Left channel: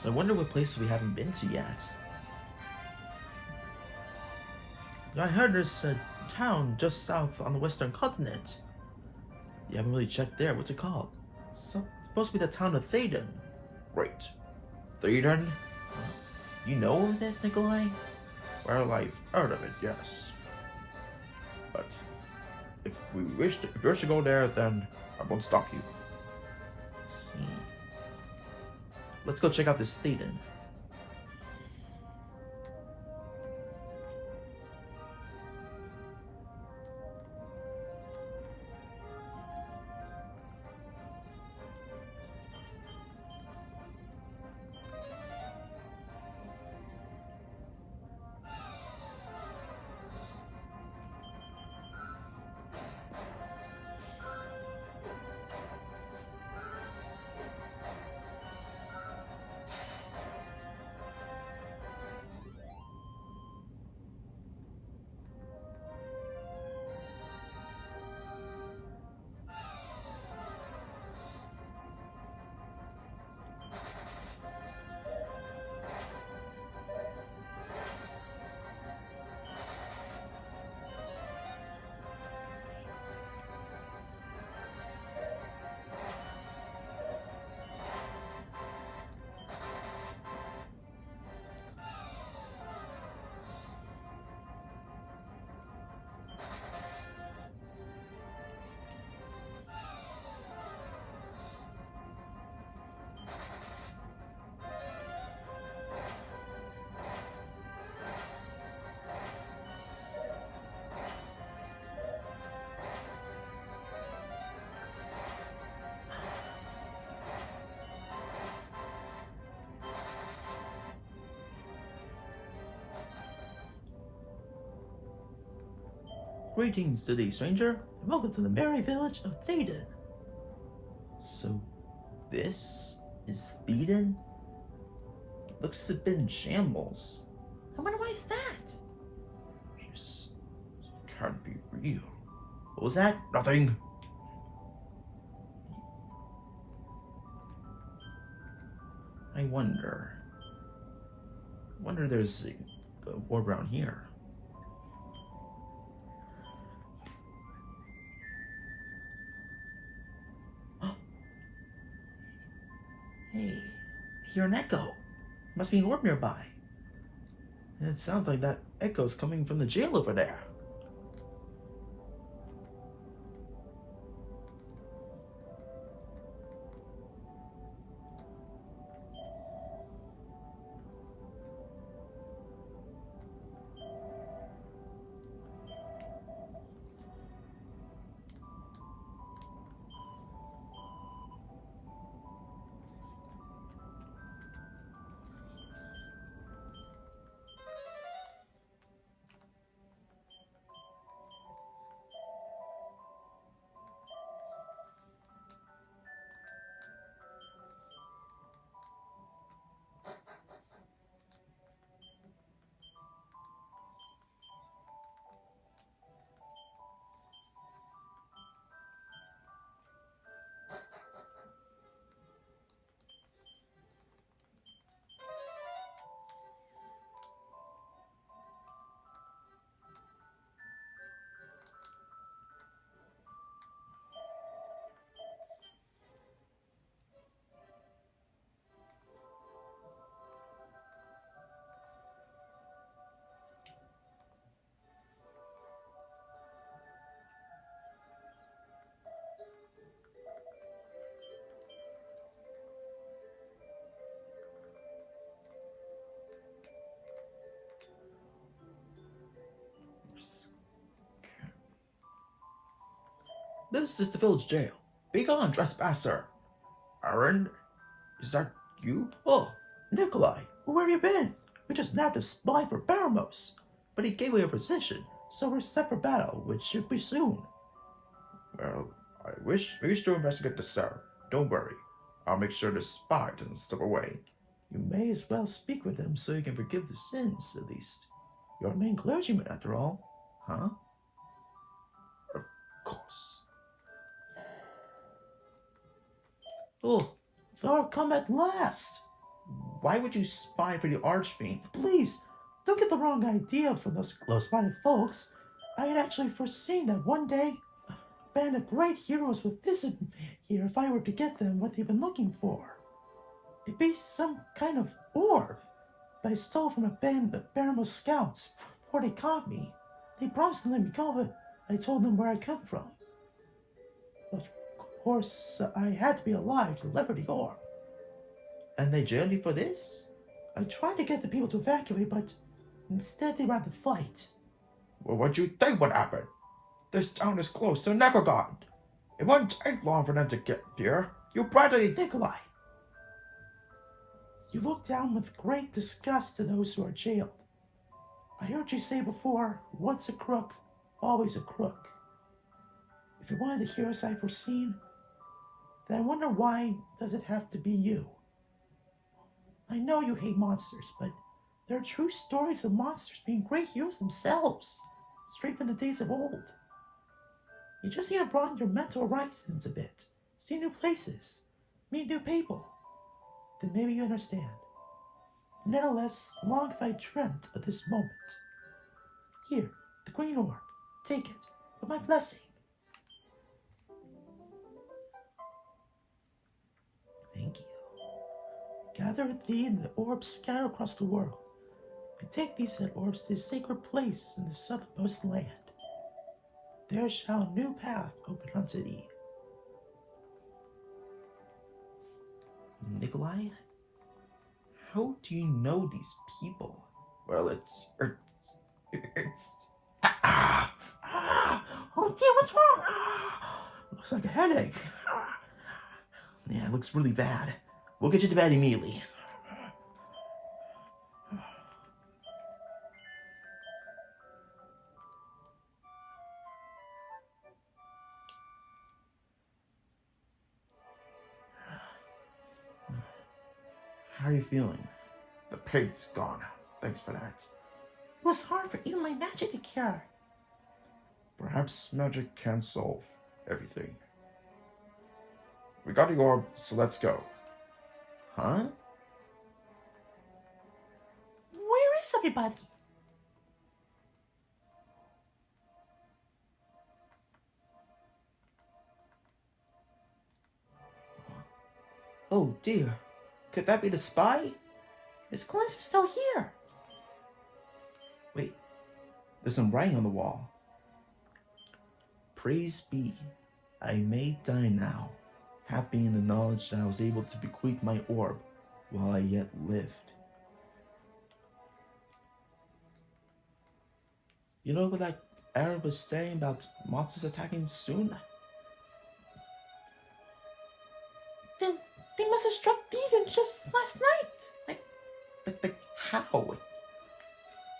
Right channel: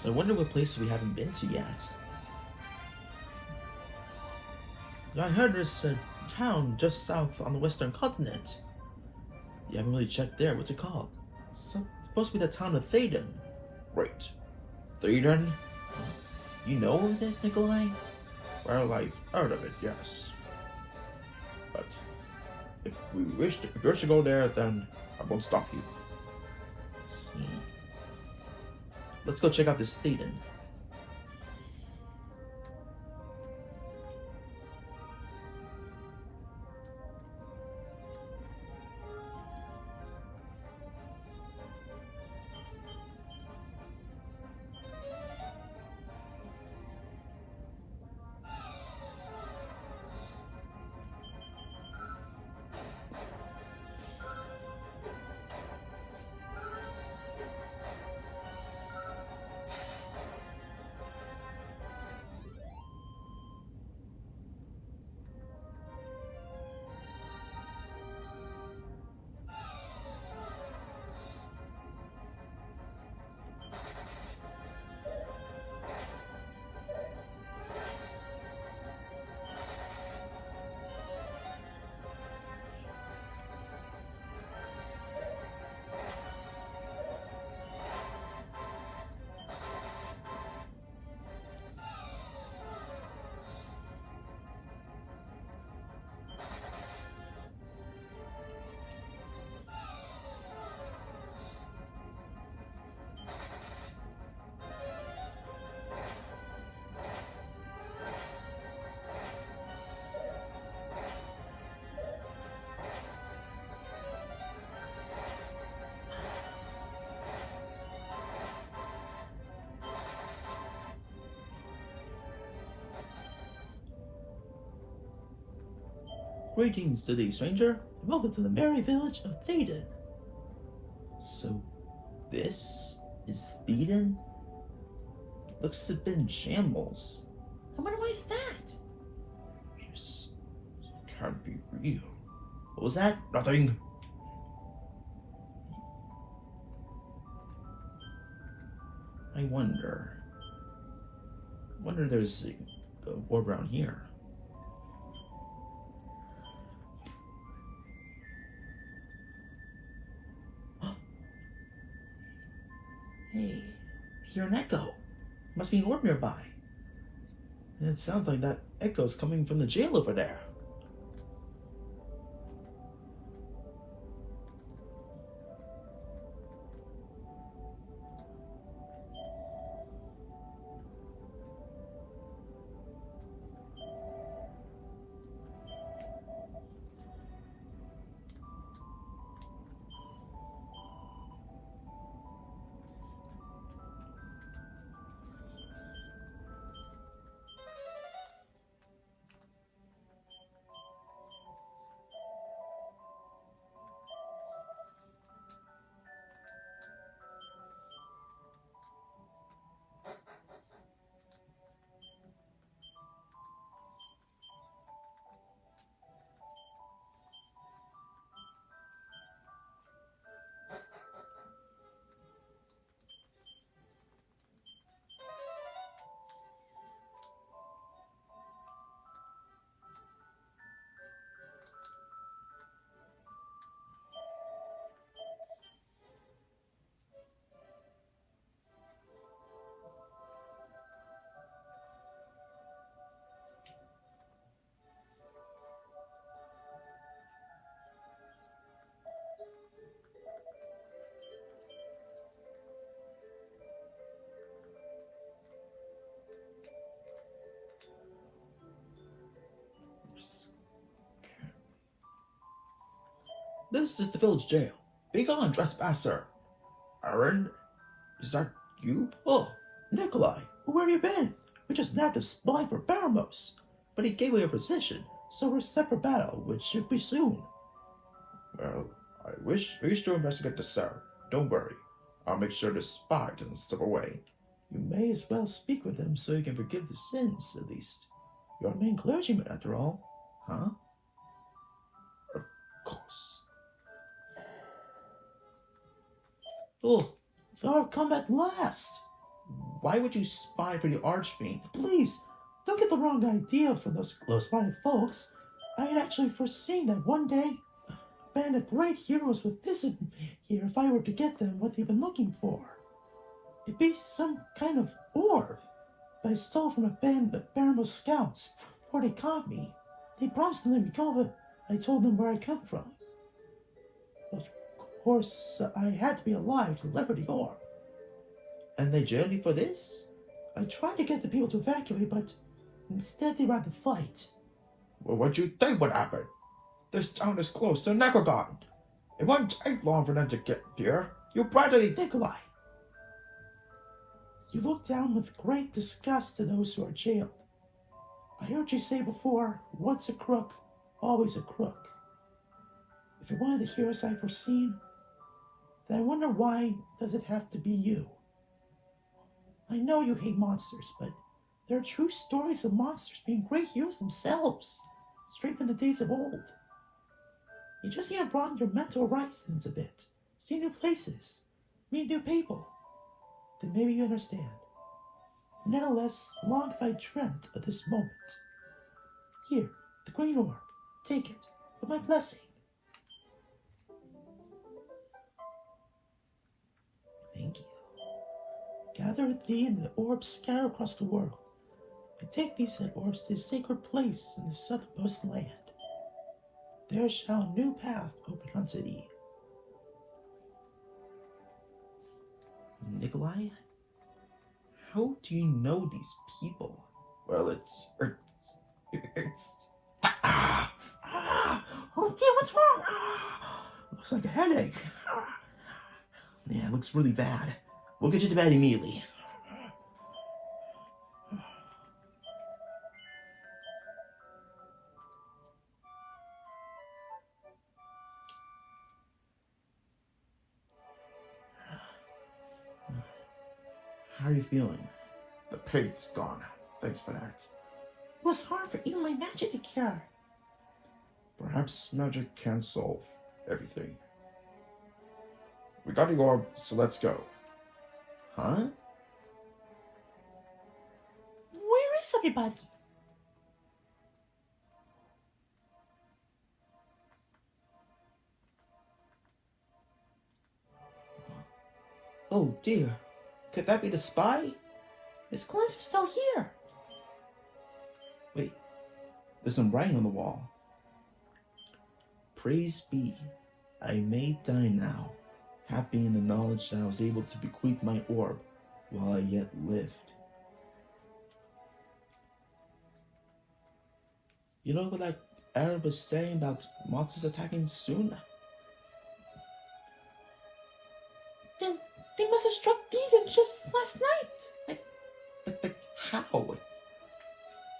So I wonder what places we haven't been to yet. I heard there's a town just south on the western continent. You haven't really checked there. What's it called? It's supposed to be the town of Theddon. Right. Theddon? You know where it is, Nikolai? Well, I've heard of it, yes. But if you wish to go there, then I won't stop you. So, let's go check out this Theddon. Greetings to thee, stranger, and welcome to the merry village of Theddon. So, this is Theddon? Looks to have been in shambles. I wonder why is that? This can't be real. What was that? Nothing. I wonder there's a war around here. Hey, I hear an echo. Must be an orb nearby. And it sounds like that echo's coming from the jail over there. This is the village jail. Be gone, trespasser. Aaron, is that you? Oh, Nikolai, where have you been? We just nabbed a spy for Baramos, but he gave away our position, so we're set for battle, which should be soon. Well, I wish to investigate this, sir. Don't worry. I'll make sure the spy doesn't slip away. You may as well speak with him so you can forgive the sins, at least. You're a main clergyman, after all. Huh? Of course. Oh, thou art come at last. Why would you spy for the Archfiend? Please, don't get the wrong idea from those close-minded folks. I had actually foreseen that one day a band of great heroes would visit here if I were to get them what they've been looking for. It'd be some kind of orb that I stole from a band of Barrymore scouts before they caught me. They promised to let me go, but I told them where I come from. Of course, I had to be alive to deliver the orb. And they jailed you for this? I tried to get the people to evacuate, but instead they ran the fight. Well, what do you think would happen? This town is close to Necrogon. It won't take long for them to get here. You practically Nikolai. You look down with great disgust to those who are jailed. I heard you say before, once a crook, always a crook. If you're one of the heroes I've foreseen, then I wonder why does it have to be you? I know you hate monsters, but there are true stories of monsters being great heroes themselves, straight from the days of old. You just need to broaden your mental horizons a bit, see new places, meet new people. Then maybe you understand. Nevertheless, long have I dreamt of this moment. Here, the green orb. Take it, with my blessing. Thank you. Gather with thee and the orbs scattered across the world. And take these said orbs to the sacred place in the southernmost land. There shall a new path open unto thee. Nikolai, how do you know these people? Well, it's oh dear, what's wrong? Looks like a headache. Yeah, it looks really bad. We'll get you to bed immediately. How are you feeling? The pain's gone. Thanks for that. It was hard for even my magic to cure. Perhaps magic can solve everything. We got the orb, so let's go. Huh? Where is everybody? Oh dear. Could that be the spy? His clothes are still here. Wait, there's some writing on the wall. Praise be, I may die now, happy in the knowledge that I was able to bequeath my orb while I yet lived. You know what that Arab was saying about monsters attacking soon? They must have struck Theddon just last night. Like, how?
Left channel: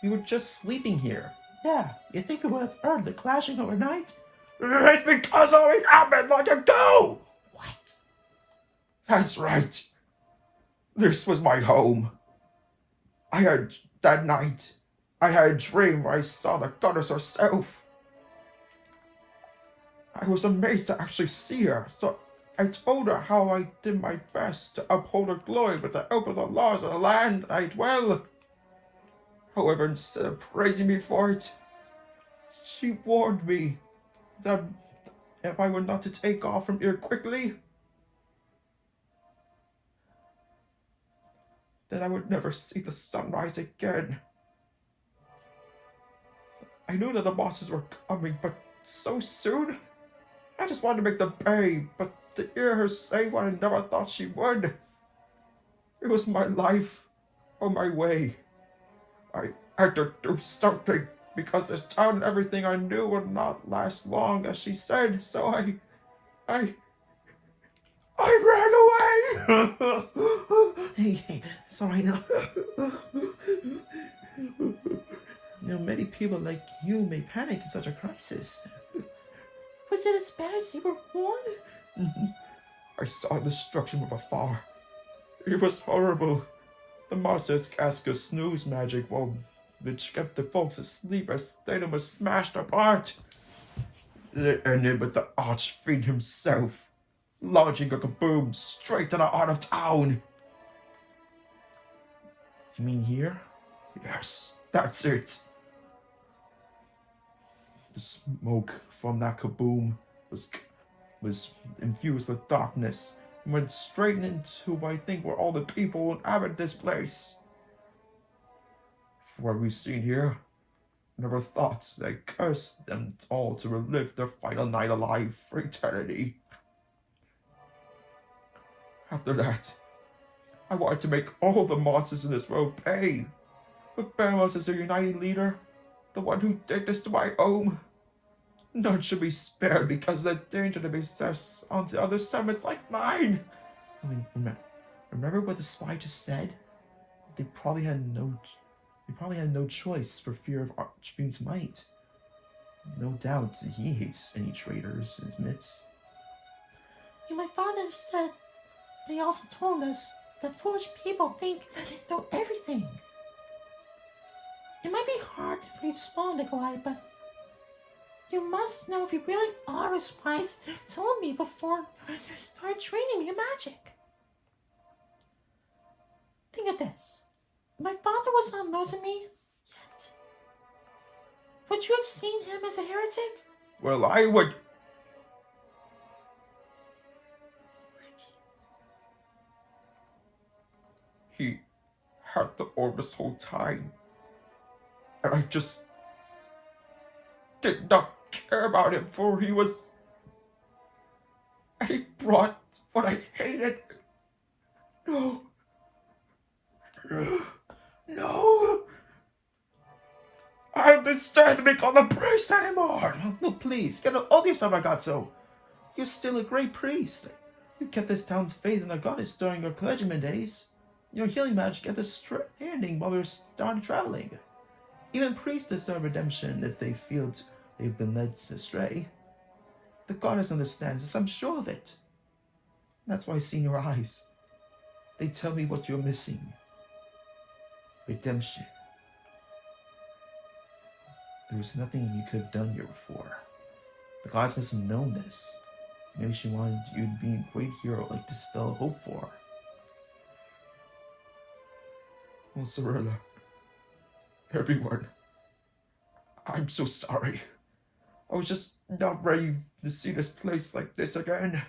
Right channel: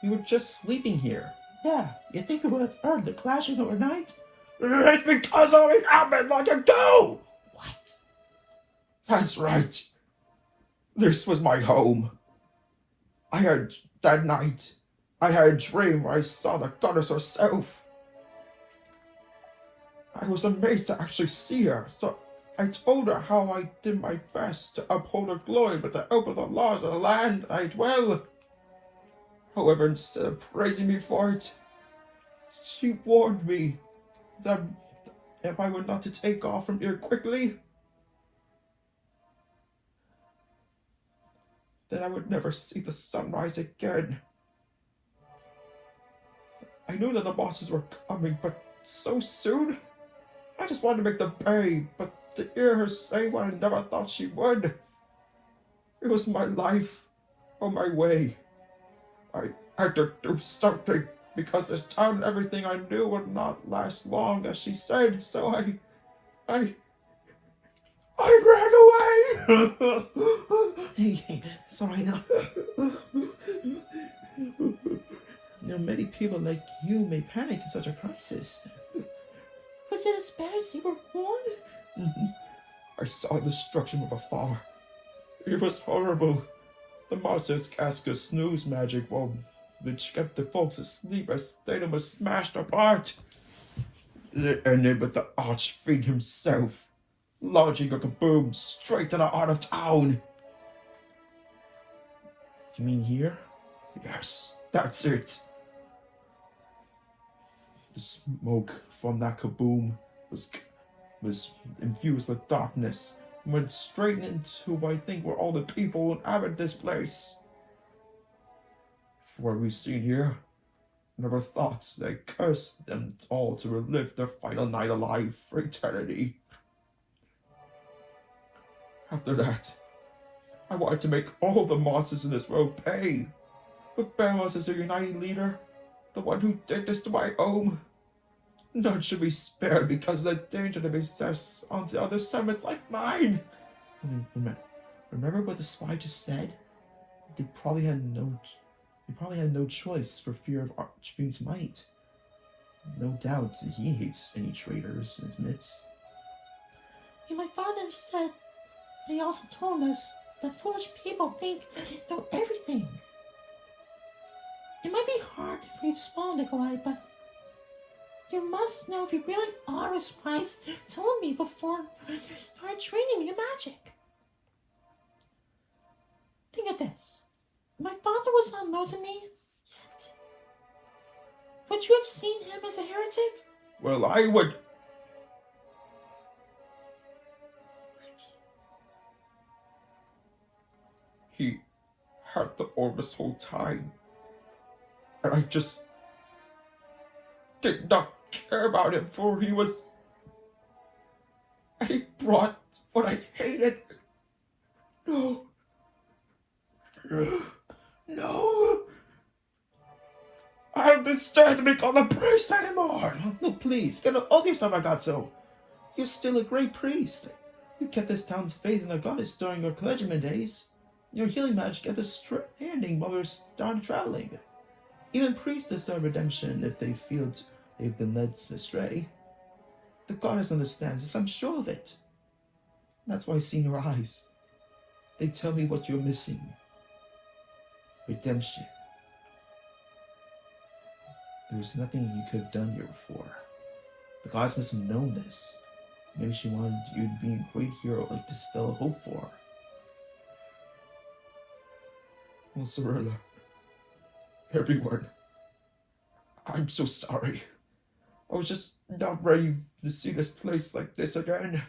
We were just sleeping here. Yeah, you think we would have heard the clashing overnight? It's because all it happened long ago! What? That's right. This was my home. That night, I had a dream where I saw the goddess herself. I was amazed to actually see her, so I told her how I did my best to uphold her glory with the help of the laws of the land I dwell. However, instead of praising me for it, she warned me that if I were not to take off from here quickly, then I would never see the sunrise again. I knew that the bosses were coming, but so soon? I just wanted to make them pay, but to hear her say what I never thought she would. It was my life or my way. I had to do something because this town and everything I knew would not last long, as she said, so I ran away! Hey, sorry now. There are many people like you may panic in such a crisis. Was it as bad as you were warned? I saw destruction from afar. It was horrible. The monsters cast a snooze magic which kept the folks asleep as Theddon was smashed apart. It ended with the Archfiend himself, launching a kaboom straight to the heart of town. You mean here? Yes, that's it. The smoke from that kaboom was infused with darkness and went straight into what I think were all the people who inhabit this place. For what we see here, I never thought that I cursed them all to relive their final night alive for eternity. After that, I wanted to make all the monsters in this world pay. With Barrows as their uniting leader, the one who did this to my home, none should be spared because of the danger to be success onto other summits like mine. Remember what the spy just said? They probably had no choice for fear of Archfiend's might. No doubt he hates any traitors in his midst. And my father said, they also told us that foolish people think they know everything. It might be hard for you to swallow, Nikolai, but you must know if you really are as wise as told me before you start training your magic. Think of this. My father was not losing me yet. Would you have seen him as a heretic? Well, I would. He had the orb this whole time. And I just did not care about him, for he was. He brought what I hated. No. No. I don't deserve to be called a priest anymore. No, please, get all the stuff I got so. You're still a great priest. You kept this town's faith in the goddess during your clergyman days. Your healing magic kept us standing while we were started traveling. Even priests deserve redemption if they feel they've been led astray. The goddess understands this, I'm sure of it. That's why I see in your eyes. They tell me what you're missing. Redemption. There's nothing you could have done here before. The goddess must have known this. Maybe she wanted you to be a great hero like this fellow hoped for. Oh, Cirilla. Everyone. I'm so sorry. I was just not ready to see this place like this again.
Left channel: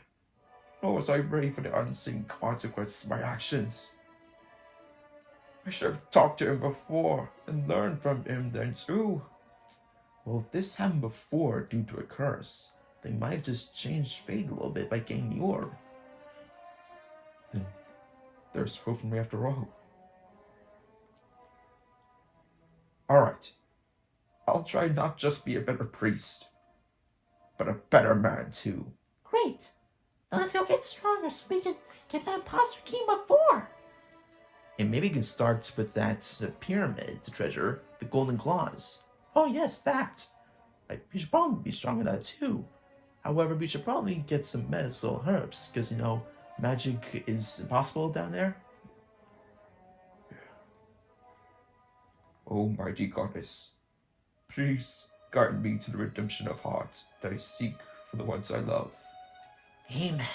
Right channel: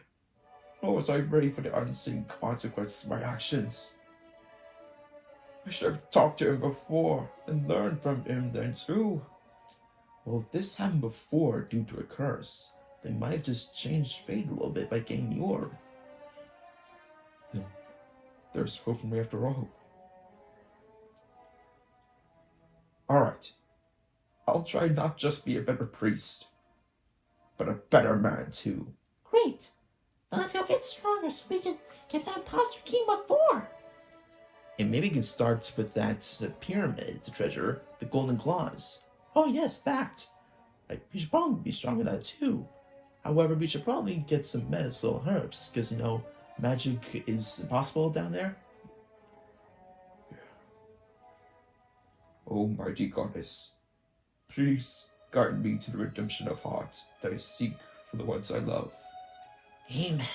Nor was I ready for the unseen consequences of my actions. I should have talked to him before and learned from him then too. Well, if this happened before due to a curse, they might have just changed fate a little bit by getting the orb. Then there's hope for me after all. Alright. I'll try not just be a better priest, but a better man too. Great. Let's go get stronger so we can get that imposter king before. And maybe we can start with that pyramid treasure, the golden claws. Oh yes, that. We should probably be strong in that too. However, we should probably get some medicinal herbs, because, magic is impossible down there. Oh, mighty goddess, please guide me to the redemption of hearts that I seek for the ones I love. Amen.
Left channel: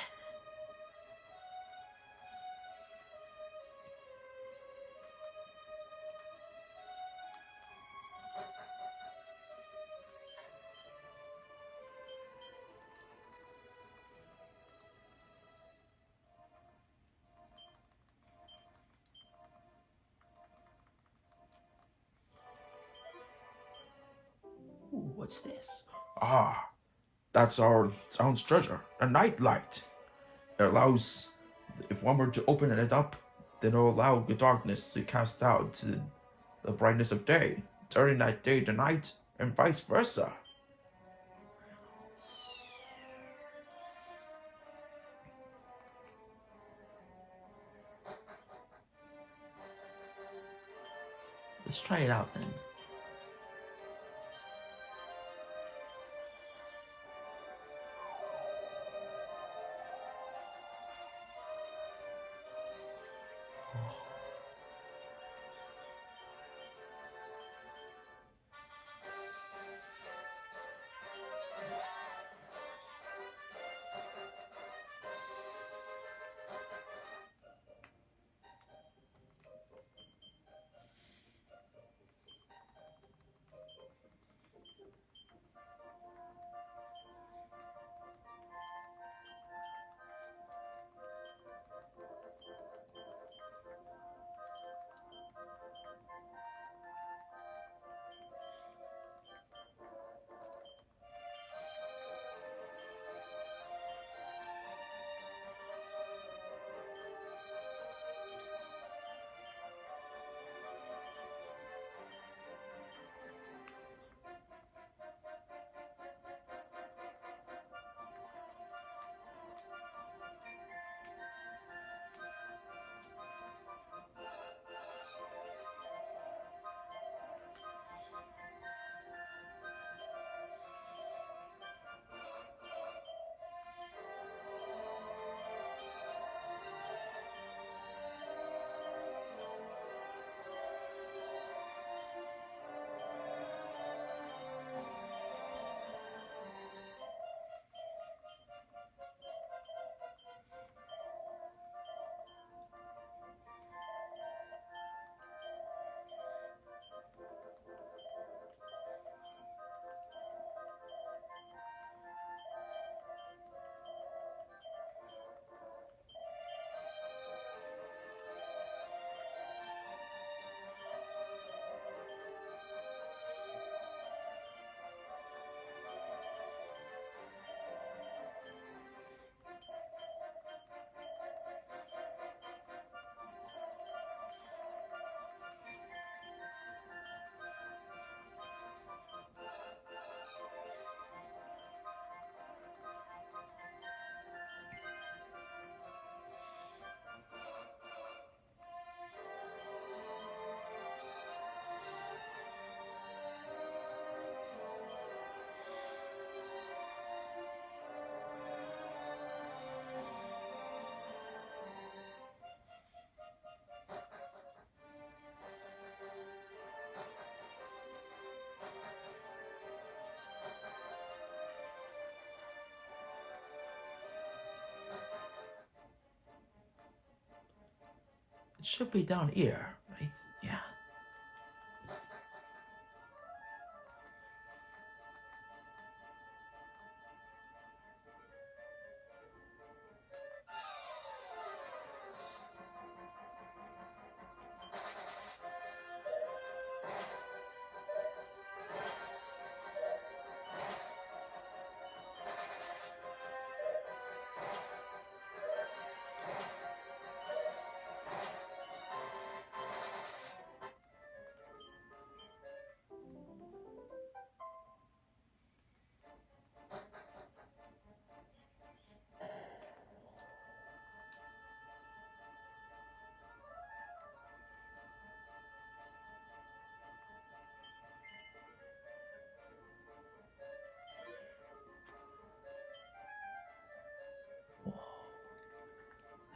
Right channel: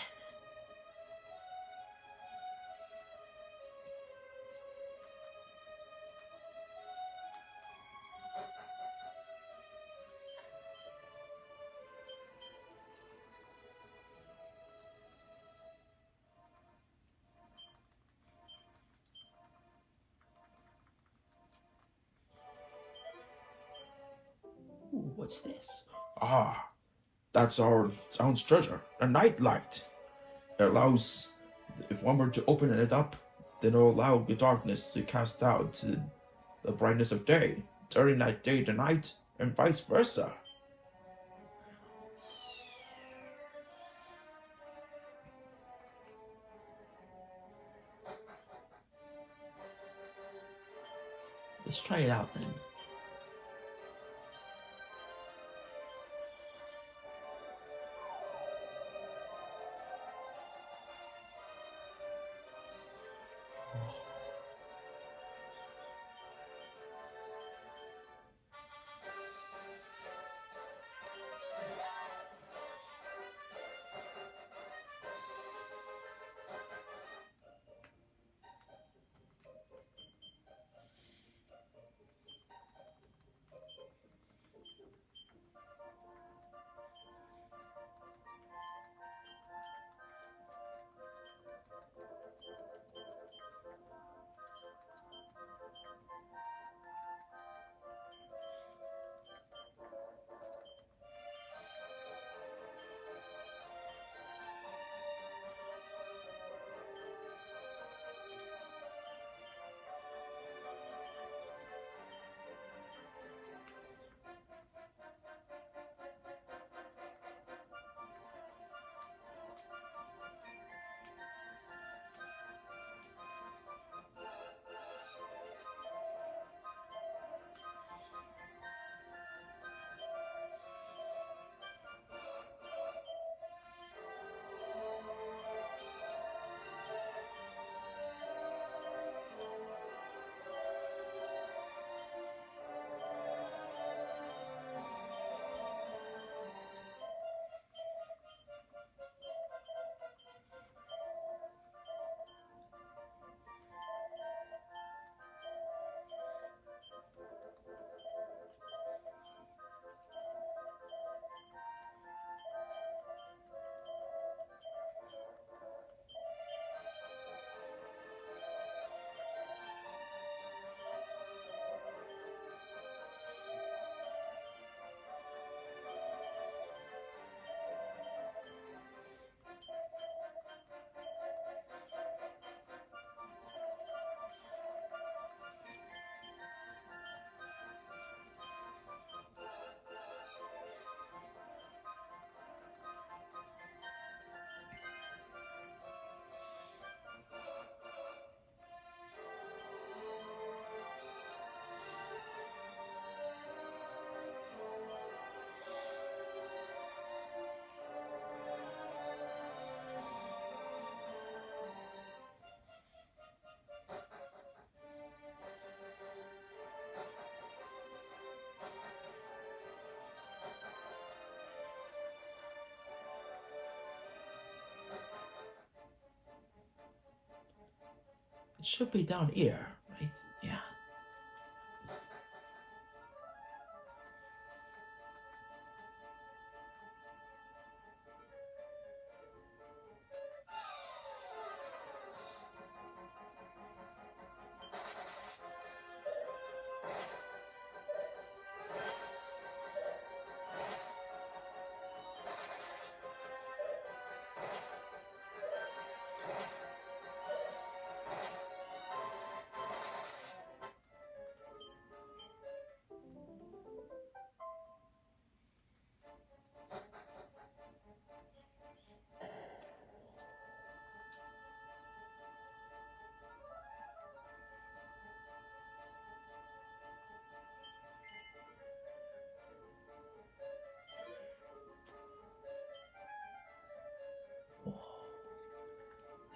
Ooh, what's this? Ah, that's our town's treasure, a night light. It allows, if one were to open it up, then it'll allow the darkness to cast out to the brightness of day, turning that day to night, and vice versa. Let's try it out then. should be down here, right? Yeah.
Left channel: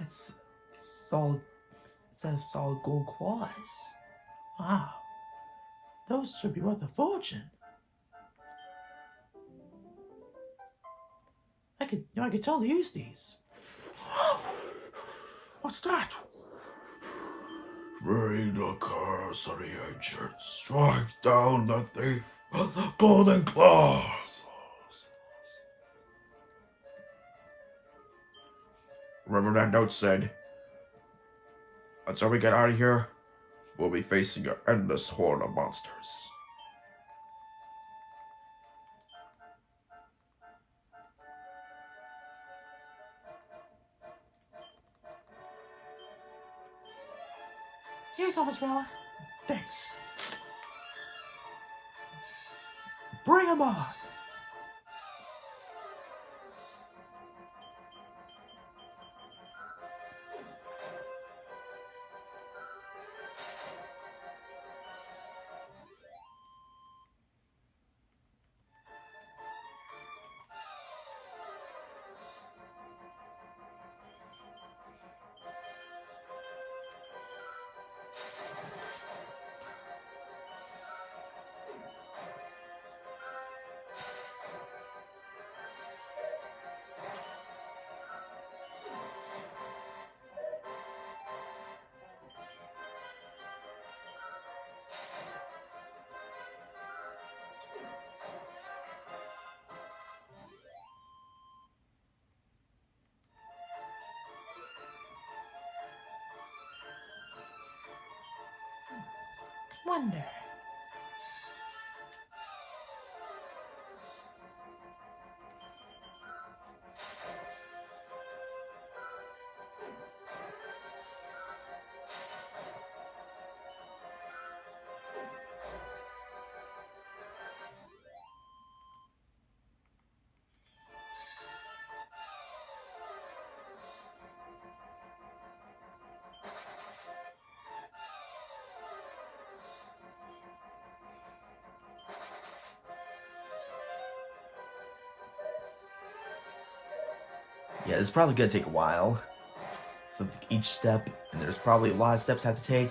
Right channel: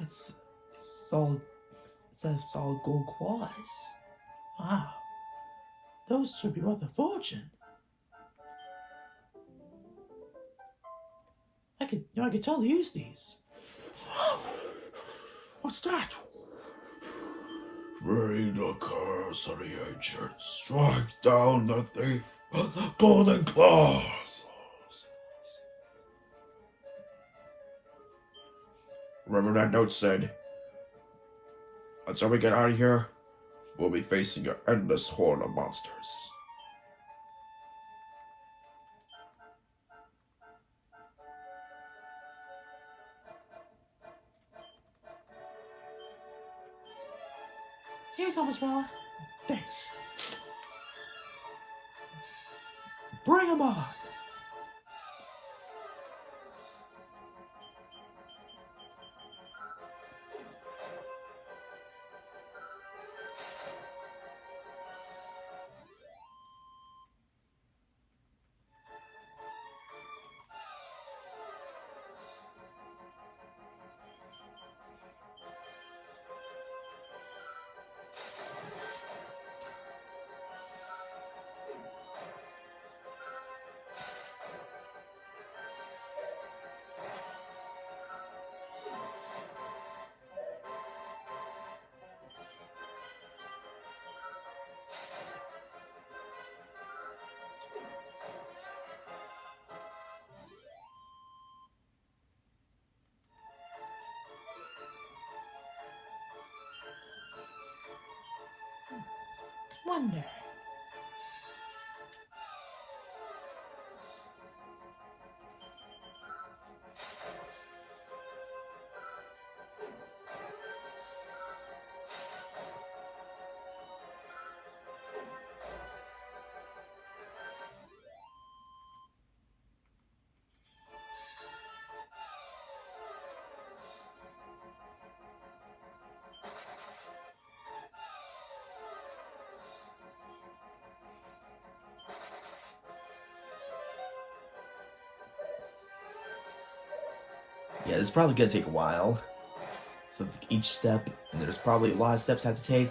It's solid. It's a solid gold claws. Wow, those should be worth a fortune. I could totally use these. What's that? Bring the curse of the ancients. Strike down the thief. The golden claws. Remember that note said, until we get out of here, we'll be facing an endless horde of monsters. Here you go, Miss Bella. Thanks. Bring him on. Wonder. Yeah, it's probably gonna take a while. So each step, and there's probably a lot of steps I have to take.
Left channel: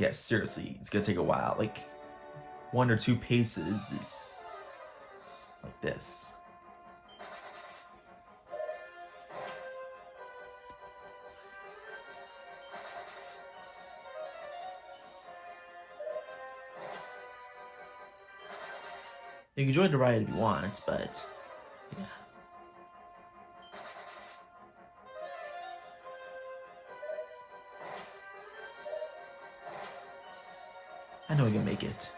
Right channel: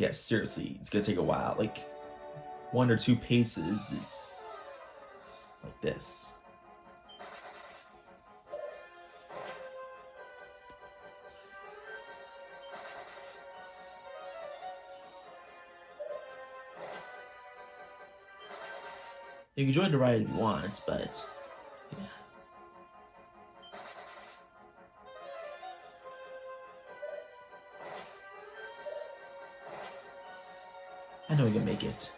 Yeah, seriously, it's gonna take a while. Like 1 or 2 paces is like this. You can join the ride if you want, but yeah. I know we can make it.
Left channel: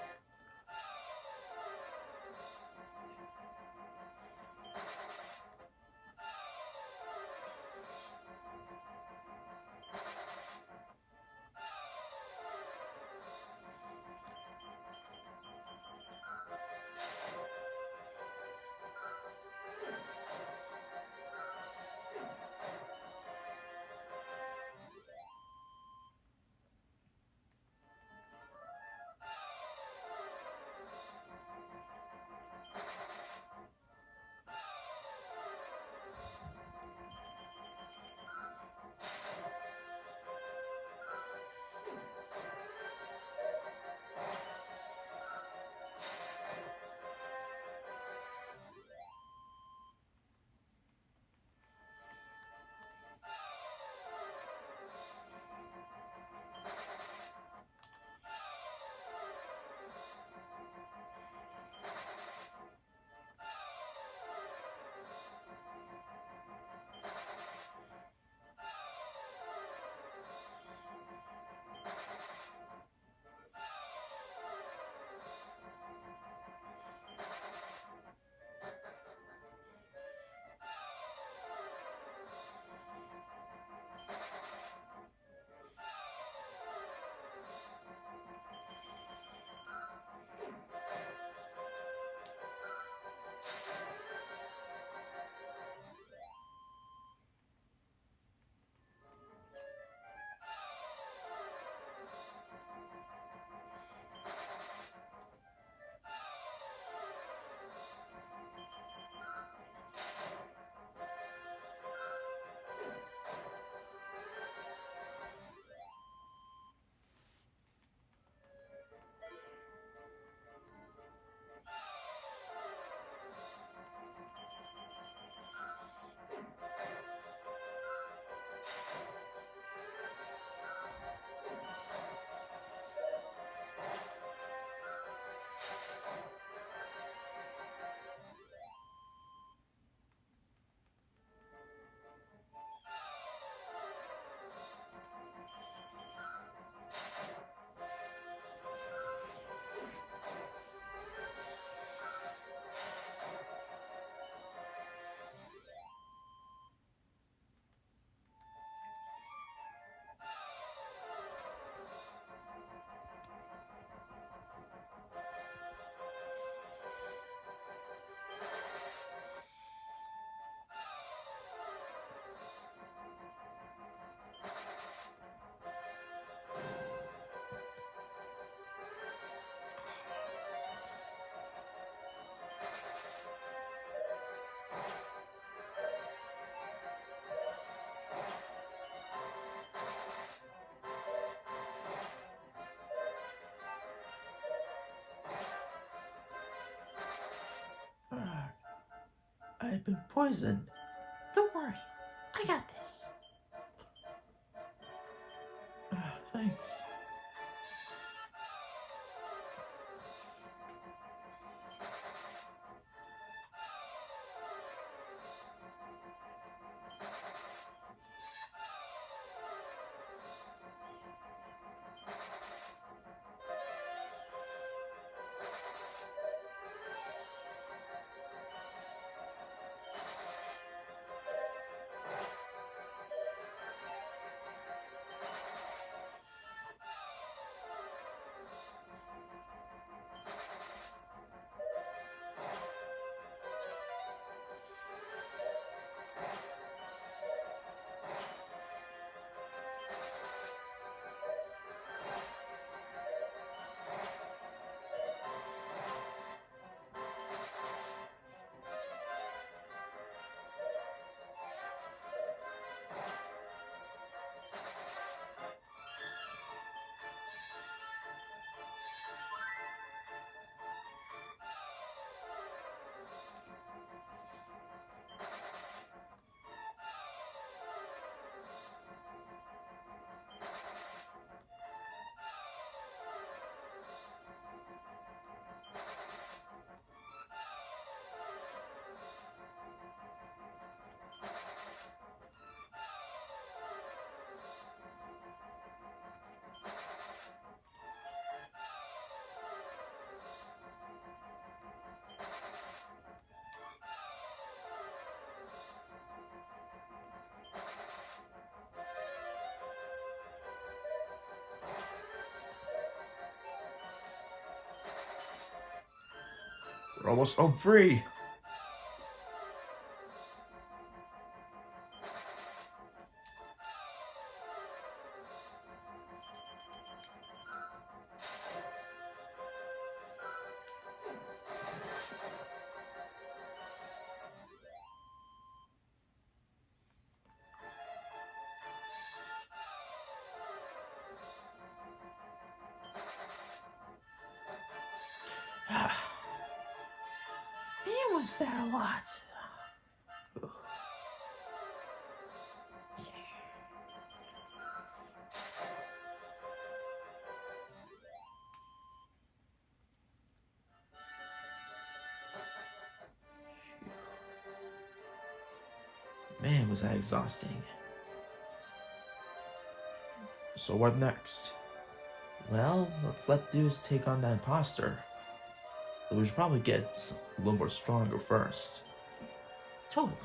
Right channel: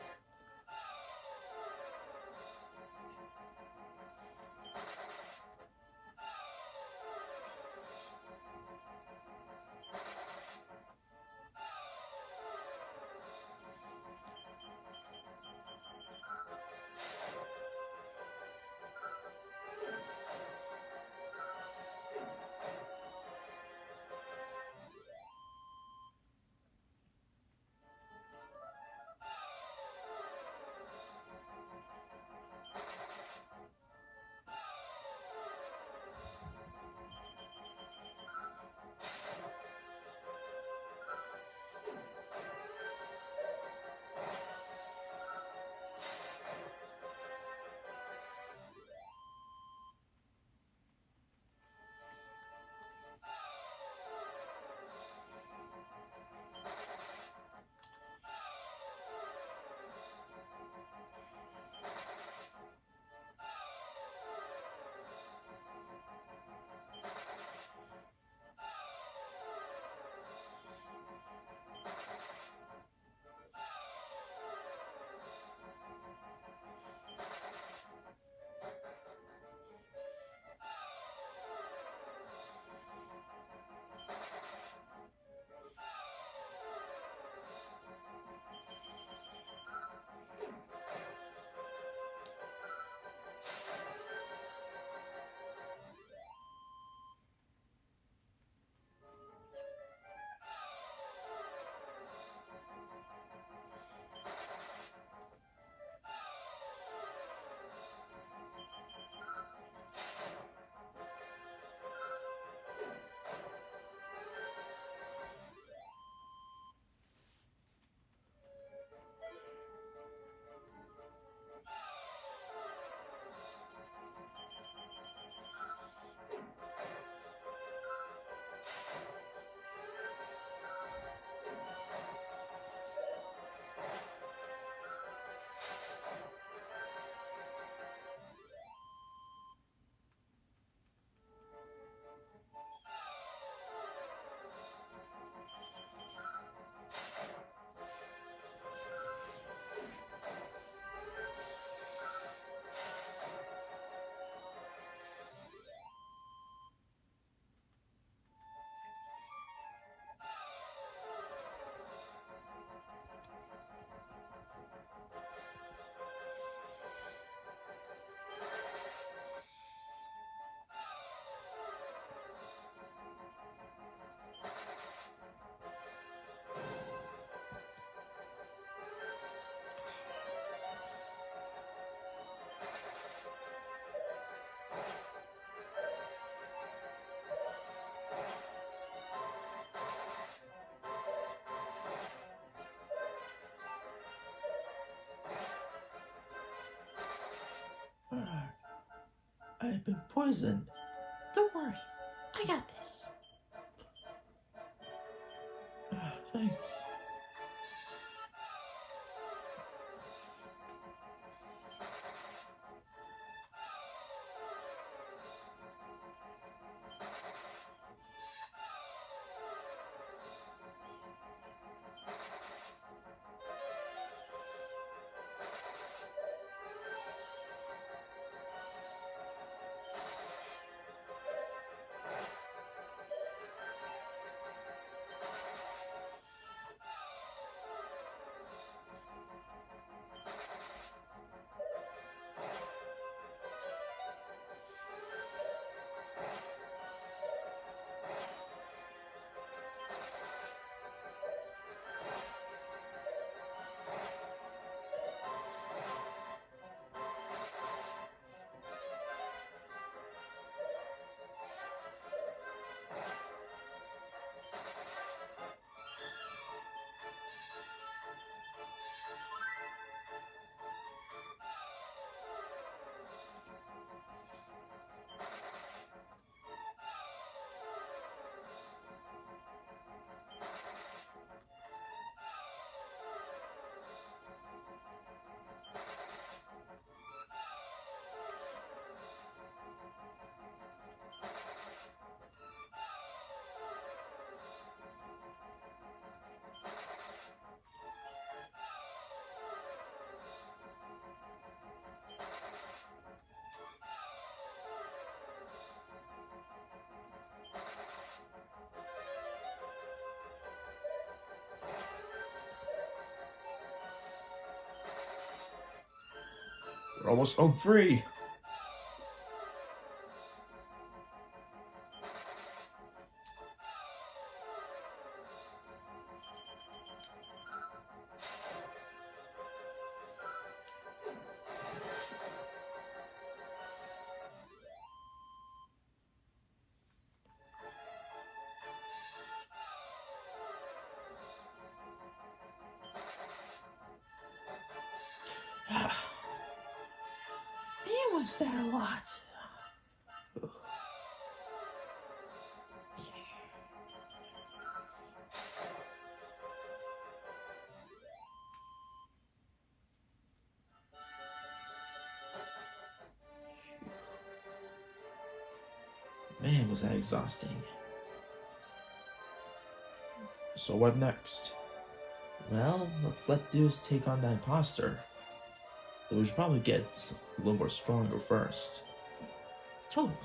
I've been poisoned. Don't worry, I got this. Thanks. We're almost home free. Man, was that a lot. Man, was that exhausting. So what next? Well, let's let dudes take on that imposter. But we should probably get a little more stronger first. Totally.